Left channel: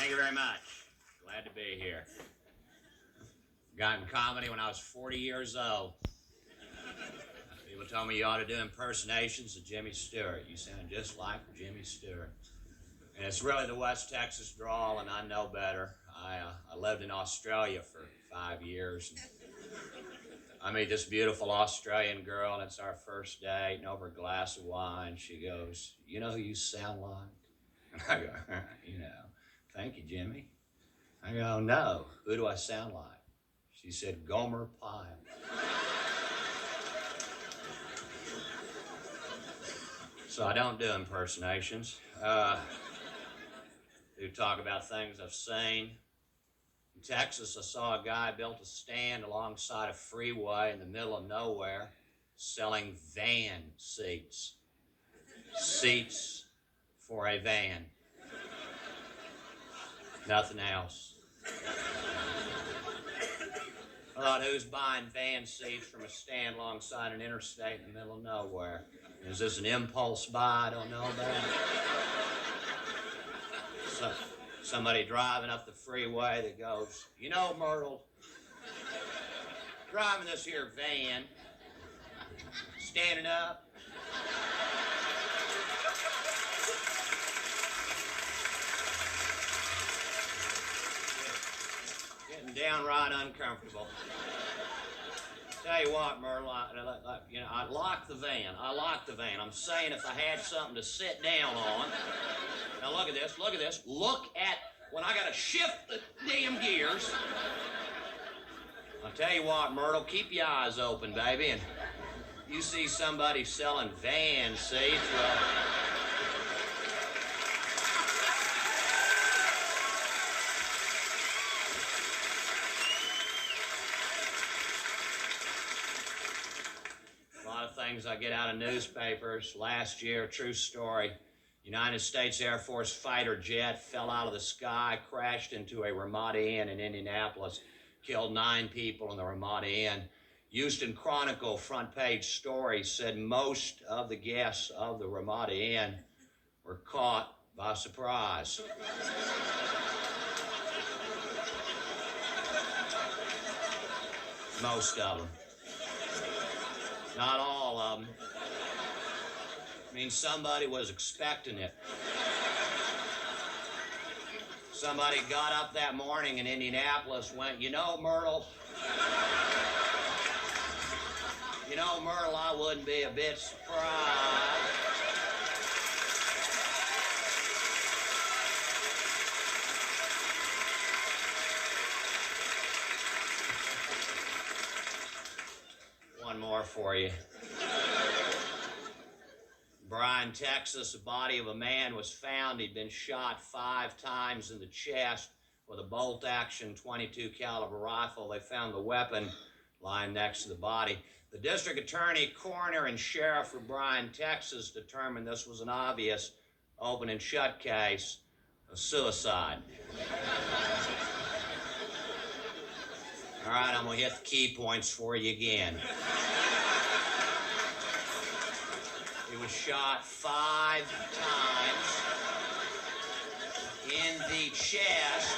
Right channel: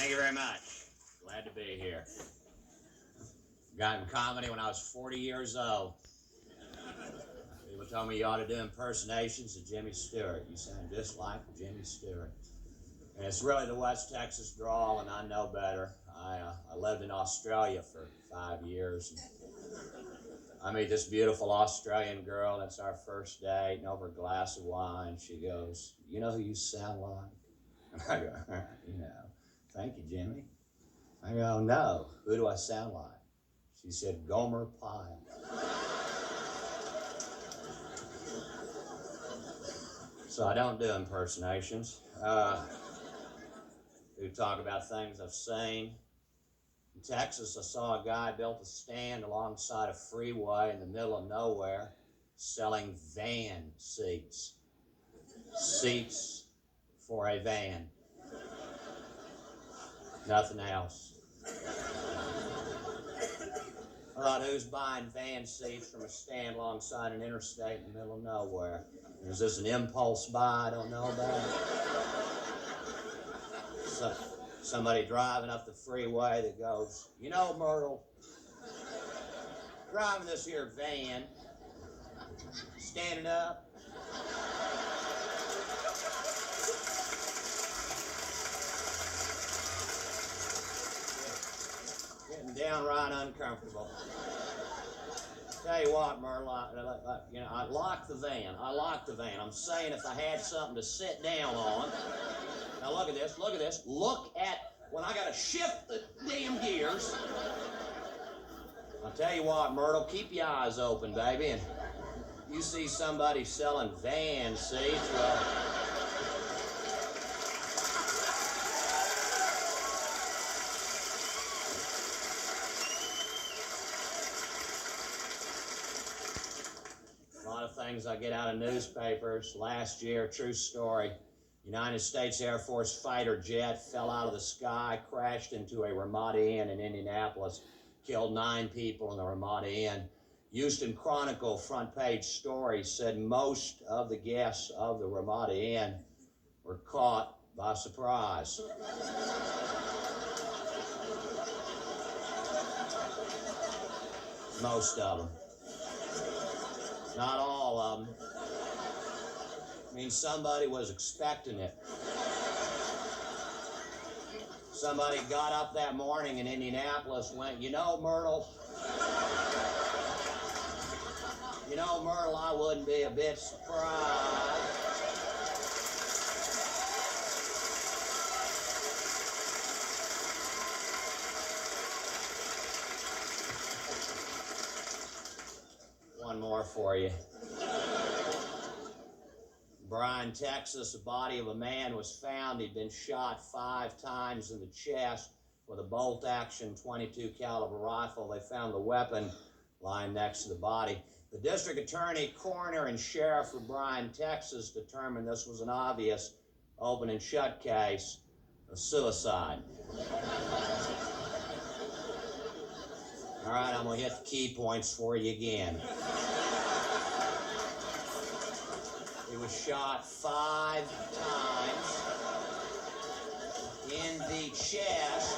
Thank you very much. Glad to be here. Got in comedy when I was 40 years old. People told me you ought to do impersonations of Jimmy Stewart. You sound just like Jimmy Stewart. And it's really the West Texas drawl, and I know better. I lived in Australia for 5 years. I meet this beautiful Australian girl, and it's our first date, and over a glass of wine, she goes, "You know who you sound like?" And I go, "You know, thank you, Jimmy." I go, "No, who do I sound like?" She said, "Gomer Pyle." So I don't do impersonations. Do talk about things I've seen. In Texas, I saw a guy built a stand alongside a freeway in the middle of nowhere selling van seats. Seats for a van. Nothing else. I thought, who's buying van seats from a stand alongside an interstate in the middle of nowhere? Is this an impulse buy I don't know about? Somebody driving up the freeway that goes, "You know, Myrtle, driving this here van, standing up, getting downright uncomfortable. Tell you what, Myrtle, I locked the van. I'm saying if I had something to sit down on. Now look at this. Look at when I gotta shift the damn gears. I'll tell you what, Myrtle, keep your eyes open, baby, and you see somebody selling van seats, well, a lot of things I get out of newspapers. Last year, true story, United States Air Force fighter jet fell out of the sky, crashed into a Ramada Inn in Indianapolis, killed 9 people in the Ramada Inn. Houston Chronicle front page story said most of the guests of the Ramada Inn were caught by surprise. Most of them. Not all of them. I mean, somebody was expecting it. Somebody got up that morning in Indianapolis, went, "You know, Myrtle, I wouldn't be a bit surprised." One more for you. Bryan, Texas, the body of a man was found. He'd been shot 5 times in the chest with a bolt-action .22 caliber rifle. They found the weapon lying next to the body. The district attorney, coroner, and sheriff for Bryan, Texas determined this was an obvious open and shut case of suicide. All right, I'm going to hit the key points for you again. He was shot 5 times in the chest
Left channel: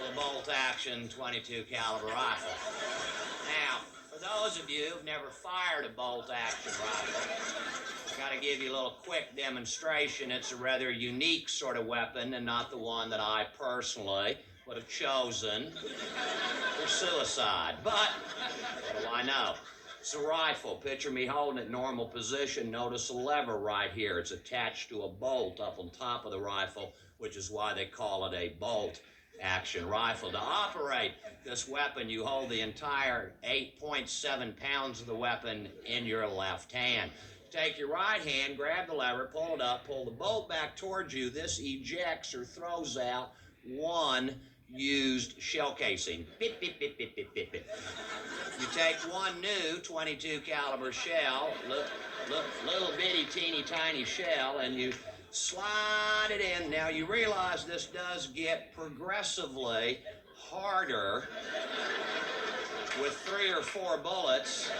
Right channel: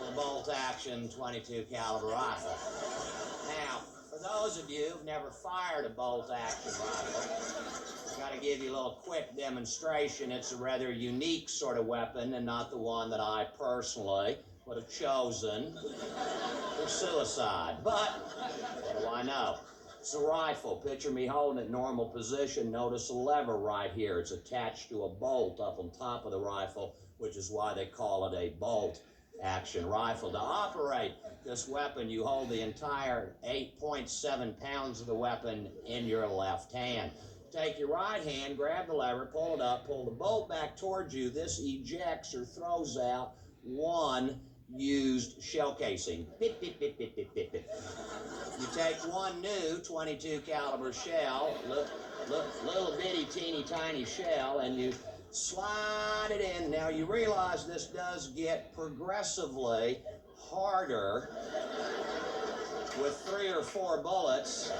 with a bolt-action .22 caliber rifle. Now, for those of you who've never fired a bolt-action rifle, I've got to give you a little quick demonstration. It's a rather unique sort of weapon and not the one that I personally would have chosen for suicide. But what do I know? It's a rifle. Picture me holding it in normal position. Notice a lever right here. It's attached to a bolt up on top of the rifle, which is why they call it a bolt-action rifle. To operate this weapon, you hold the entire 8.7 pounds of the weapon in your left hand. Take your right hand, grab the lever, pull it up, pull the bolt back towards you. This ejects or throws out one used shell casing. Bit, bit, bit, bit, bit, bit, bit. You take one new .22 caliber shell, little bitty teeny tiny shell, and you slide it in. Now you realize this does get progressively harder with 3 or 4 bullets.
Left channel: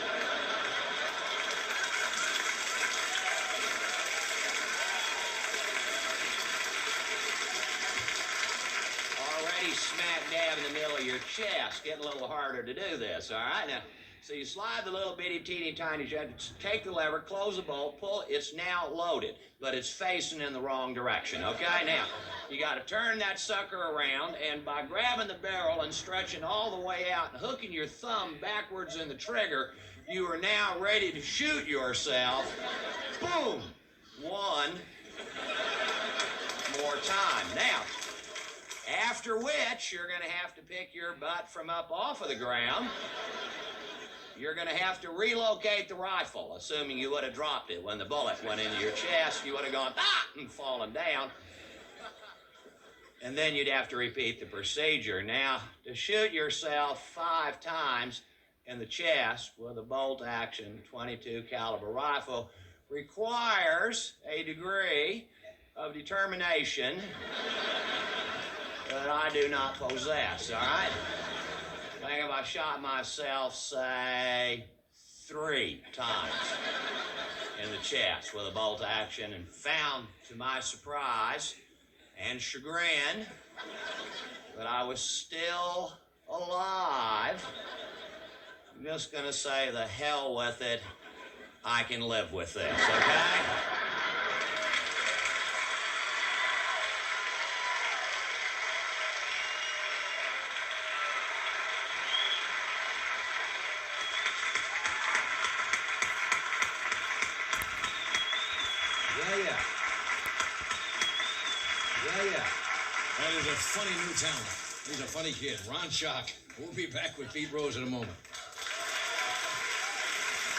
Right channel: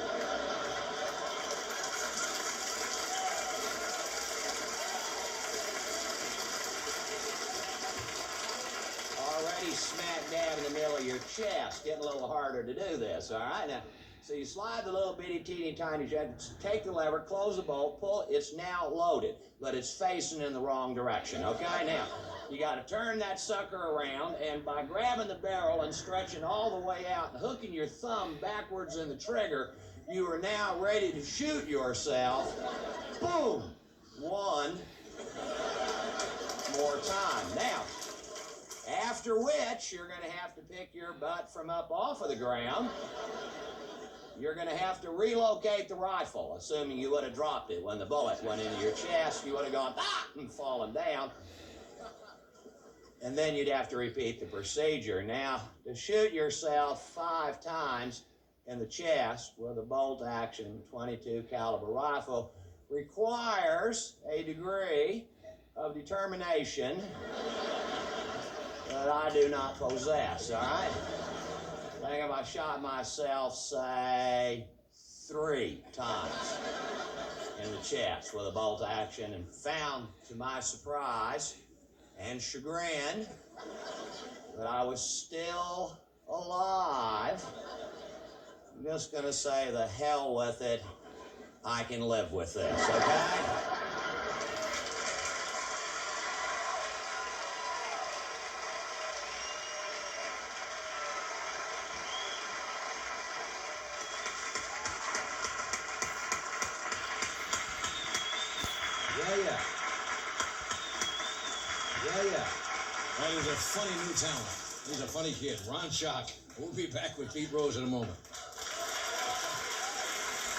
your chest. Getting a little harder to do this, all right? Now, so you slide the little bitty, teeny, tiny jet, take the lever, close the bolt, pull. It's now loaded, but it's facing in the wrong direction, okay? Now, you got to turn that sucker around, and by grabbing the barrel and stretching all the way out and hooking your thumb backwards in the trigger, you are now ready to shoot yourself. Boom! One more time. Now, after which, you're going to have to pick your butt from up off of the ground. You're going to have to relocate the rifle, assuming you would have dropped it when the bullet went into your chest. You would have gone, ah, and fallen down. And then you'd have to repeat the procedure. Now, to shoot yourself 5 times in the chest with a bolt-action .22 caliber rifle requires a degree of determination that I do not possess, all right? I think if I shot myself, say, 3 times in the chest with a bolt action and found, to my surprise and chagrin, that I was still alive, I'm just going to say the hell with it. I can live with this, okay? Yeah. That is a funny new talent. He's a funny kid. Ron Shock. We'll be back with Pete Rose in a moment.